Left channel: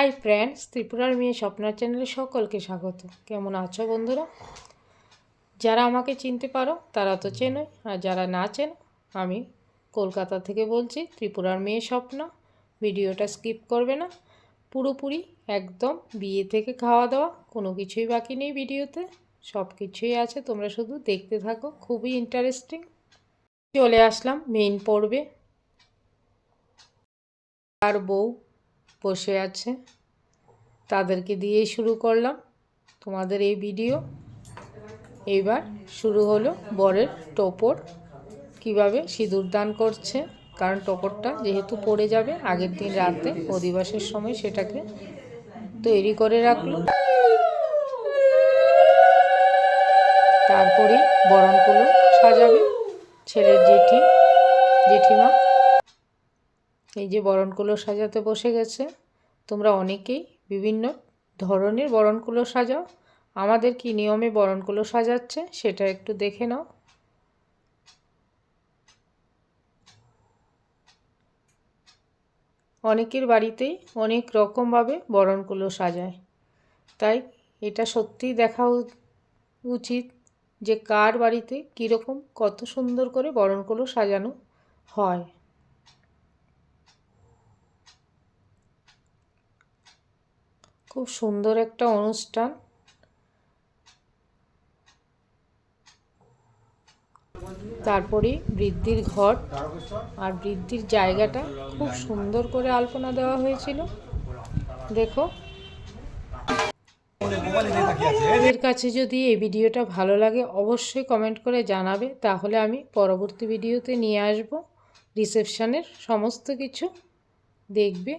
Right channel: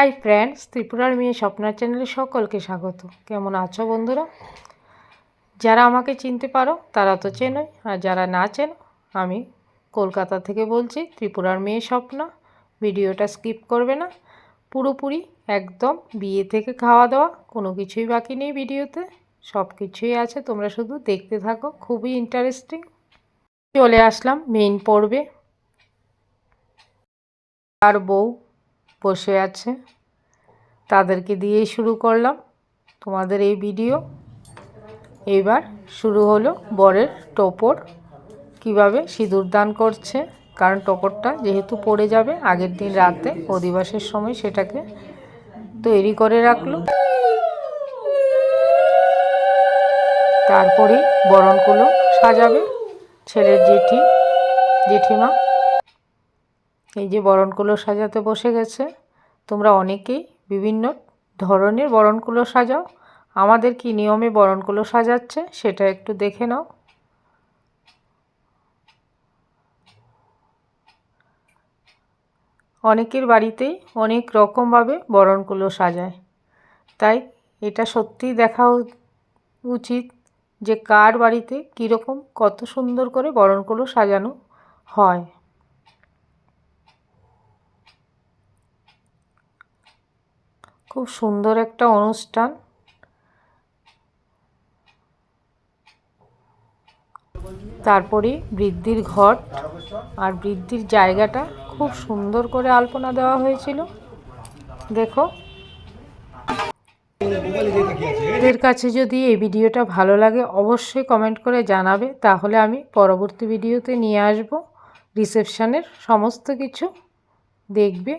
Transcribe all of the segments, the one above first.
Hi friends, ত্রিপুরার মেয়ে স্বপ্নার চ্যানেলে সকলকে স্বাগত। কেমন আছো বন্ধুরা? যারা আমাকে চিনতে পারো তারা তো চেনোই, আর যারা না চেনো, আমি কলকাতা থেকে বলছি, ত্রিপুরার মেয়ে স্বপ্না। ভিডিওটা স্কিপ করবে না, পুরোপুরি একদম বিয়ে থেকে খাওয়া দাওয়া কোনো কিছুই বাকি নেই ভিডিওতে, সব কিছুই আছে, তোমরা শুধু দেখতে থাকো, খুবই ইন্টারেস্টিং। চলে আসলাম মেইন পর্বে। আর বউ বসে আছে, তাদেরকে দিয়েই শুরু করলাম তোমাদের এই ভিডিও। এইবার শুরু হলো বরের টোপর, কিভাবে সিঁদুর দান করছে, কারণ টোপরটা যেহেতু পড়ে যাবে আগের দিন রাতে অধিবাসের সময়, সেটাকে তৈরি করে রাখলো। তারপরে বরণকুলো সাজাবে ছেলের জেঠিমা। এই যে বরণকুলো সাজাতে বসে গেছে। তোমরা অনেকেই বিভিন্ন ধরনের বরণকুলো সাজাও, আমাদের কি নিয়মে বরণকুলো সাজাচ্ছে সেটা একটু দেখে নাও। অনেকের বাড়িতেই অনেক রকমভাবে বরণকুলো সাজায়, তাই এটা সত্যিই দেখা উচিত যে কার বাড়িতে কীরকম কত সুন্দর করে বরণকুলো সাজানো হয়। খুব সুন্দর একটা অনুষ্ঠান। তারপরে বৃদ্ধির ঘর আর বৃদ্ধির জায়গাটা খুব সুন্দর করে আলপনা দেওয়া হয়েছিল। দেখো, এদের কাছে যদি এই ভিডিওটা ভালো লাগে অবশ্যই কমেন্ট করে জানাবে, তাহলে আমি পরবর্তী ভিডিওতে নিয়ে আসব রিসেপশনের সমস্ত কিছু, দেখবে,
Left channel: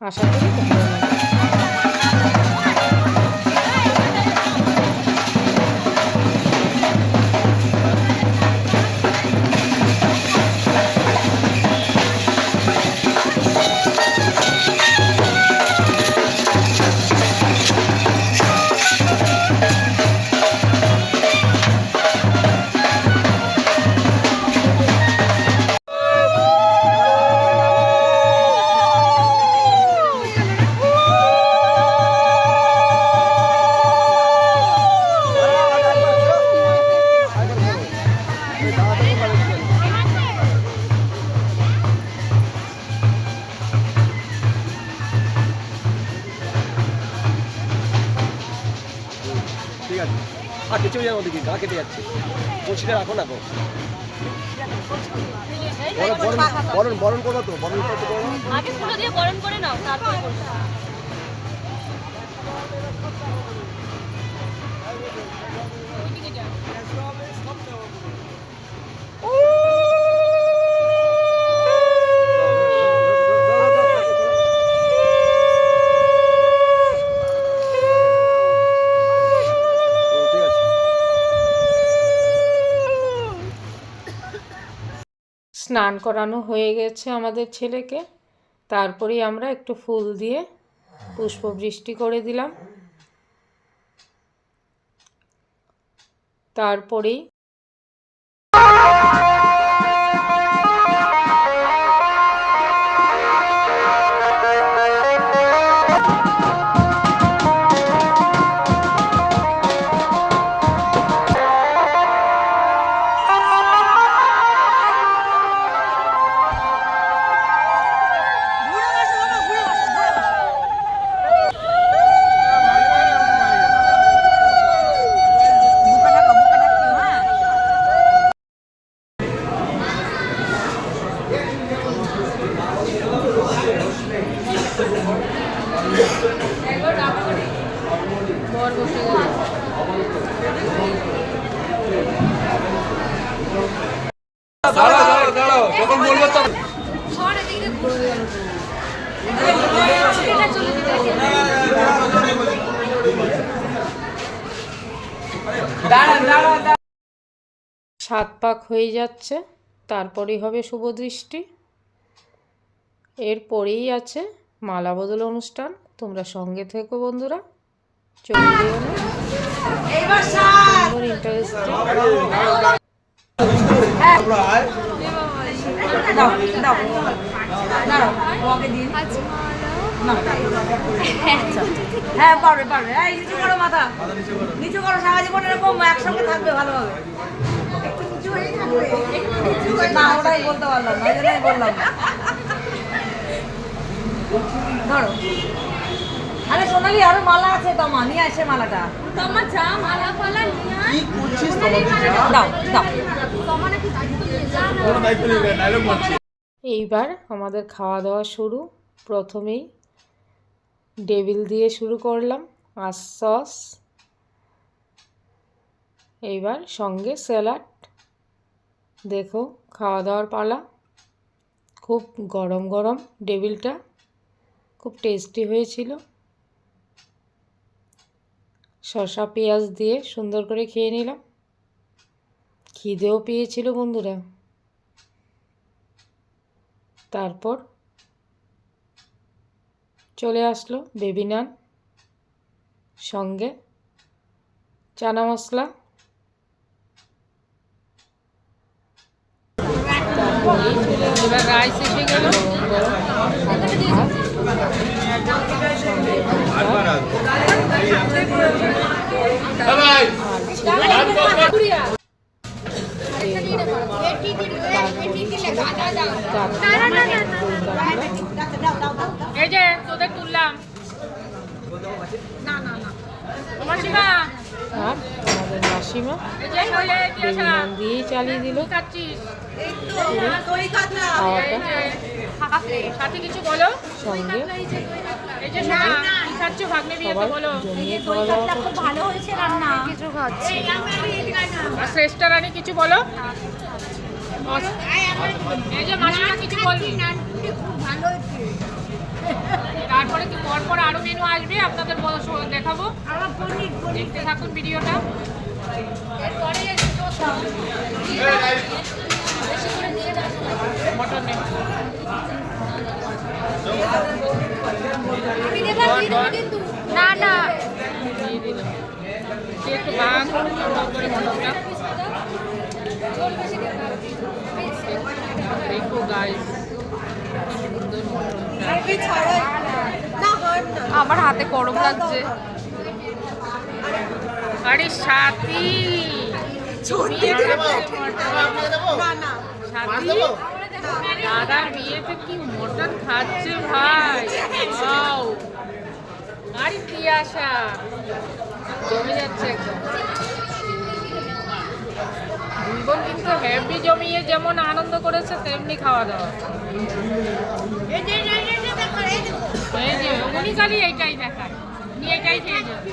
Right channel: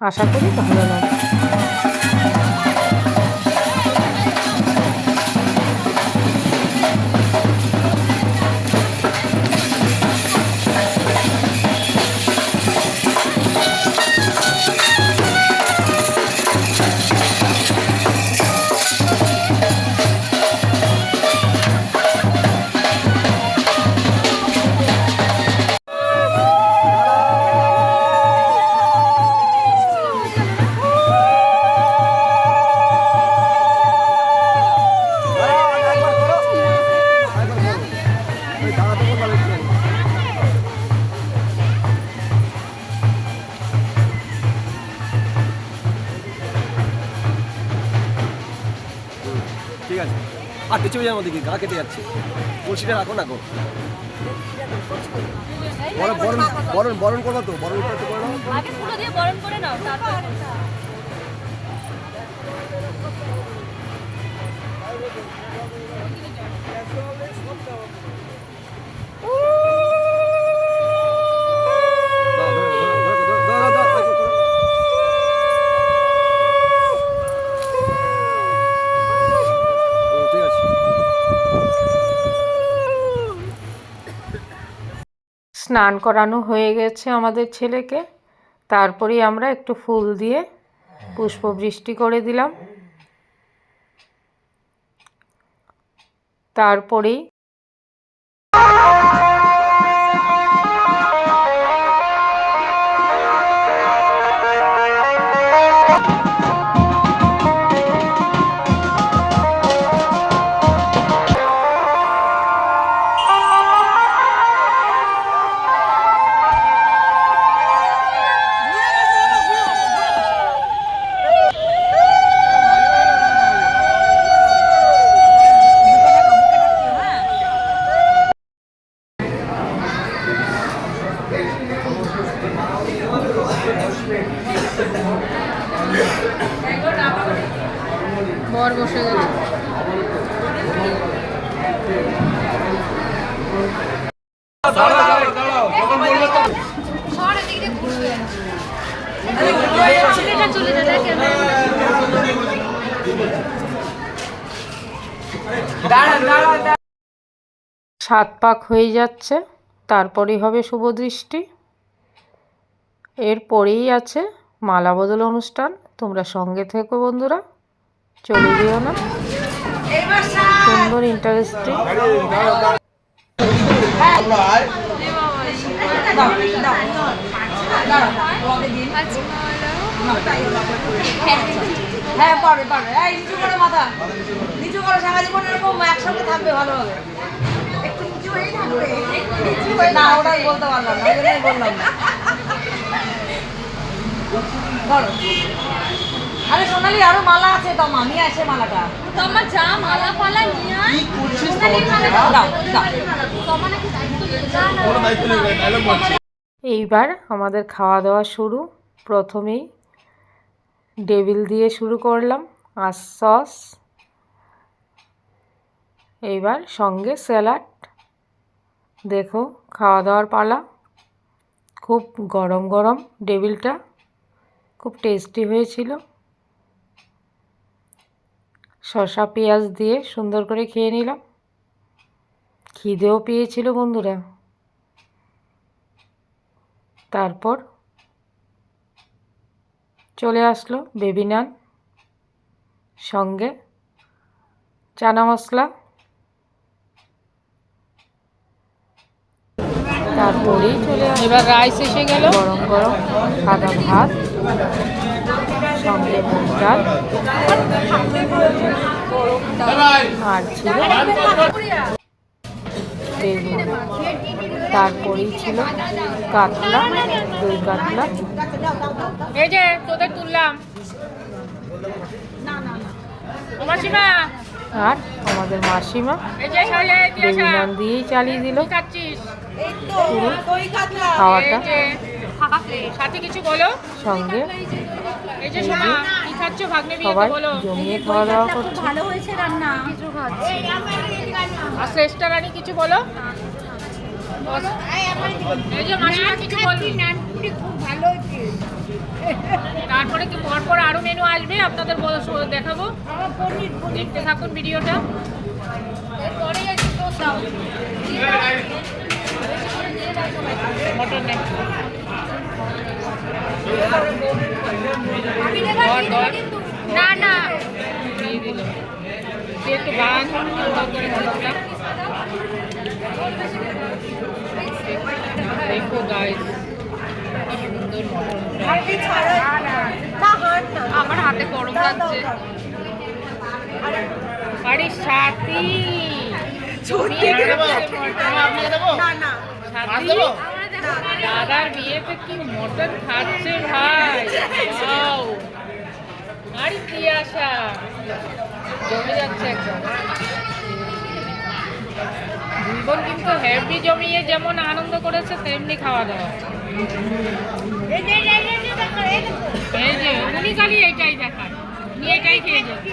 আশা করি ভালো লাগবে। আর কিছু যাওয়ার মধ্যে কি গলা কেটে যাচ্ছে, কলসিটা রাখো না গো। বরণ বরণ করো তো, বরণ করতে পারো, আগে ফুল দিয়ে বরণ করে নাও, তারপর স্নান করানো হয়ে গেছে আমাদের ছেলেকে। তারপরেই আমরা একটু ফুল দিয়ে পুষ্পবৃষ্টি করে দিলাম। তারপরেই বর বসে গেছে। সাত পাক হয়ে যাচ্ছে, তারপরেই হবে শুভদৃষ্টি। এরপরেই আছে মালা বদল অনুষ্ঠান। তোমরা সঙ্গে থেকো বন্ধুরা, চলে দিও না, সুন্দর ইন্টারেস্টিং। আজ মালা হ্যাঁ পারবে পারবে। এই নিচু করো মাথা, নিচু করো, সারা জীবন এরকম একসঙ্গে থাকবে ভালোভাবে। না ওটাই বলতে পারলাম না, ওই জন্যই বললাম না। ধরো। আরে সোনালি আরো মালা আছে, তোমা নিয়ে আসে মালাটা। তোমার যা মালা ফালা নিয়ে আয়। কি করছিস তোমার দাও দাও। এইবার আমাদের খাওয়া দাওয়া শুরু। প্রথমেই ডেভিল দিয়ে শুরু করলাম, আর সস, এইবার সঙ্গে স্যালাড। দেখো খাওয়া দাওয়ার পালা। খুব গরম গরম ডেভিলটা খুব টেস্টি হয়েছিল। শসা পেঁয়াজ দিয়ে সুন্দর করে খেয়ে নিলাম। খিদেও পেয়েছিল বন্ধুরা। তারপর চলে আসলো বেবি নান, সঙ্গে চানা মশলা। তারপরেই চলে আসলো এবার রাইস এসে গেল, গরম গরম সাদা ভাত, সঙ্গে মুগ ডাল, আর ছিল তারপরেই ছিল কাতলা, দই কাতলা। এই যে তোদের তুললাম আর আমাদের মাসিমা বেবি নান দিয়েই চালিয়ে দিল খাওয়াটা। সঙ্গে সবাই জমিয়ে খাওয়া দাওয়া করছে। কিছু বলো, তারপরে পরপর আরো মেনু আসবে, আপনাদের দেখাবো, দেখতে থাকুন ভিডিওটা। মটন নেই, একটু বাম করে মটনটা দেখো গাইস, সুন্দর মটনটা। আমার হাতে গরম লাগছে। আরে সাথী দাদার বিয়েতে কি মটন খাচ্ছে ভাই, আর কি আশা জমে যাচ্ছে একদম। দুই বোন কিন্তু হেভি জমিয়ে যেমন আনন্দ করেছে তেমনি খাওয়া দাওয়া। এই যে উনি খালি এইটাই দেখান, নিয়ে এটাই খেয়ে যাবে।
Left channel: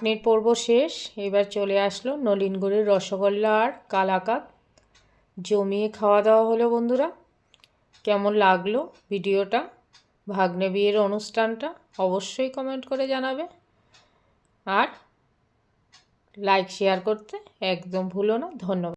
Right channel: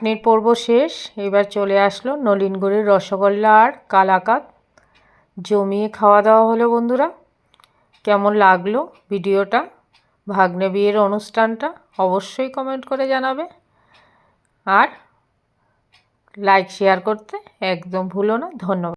চাটনির পর্ব শেষ। এবার চলে আসলো নলিনগুড়ির রসগোল্লা আর কালাকাঁদ। জমিয়ে খাওয়া দাওয়া হলো বন্ধুরা। কেমন লাগলো ভিডিওটা, ভাগ্নে বিয়ের অনুষ্ঠানটা, অবশ্যই কমেন্ট করে জানাবে। আর লাইক শেয়ার করতে একদম ভুলো না। ধন্যবাদ।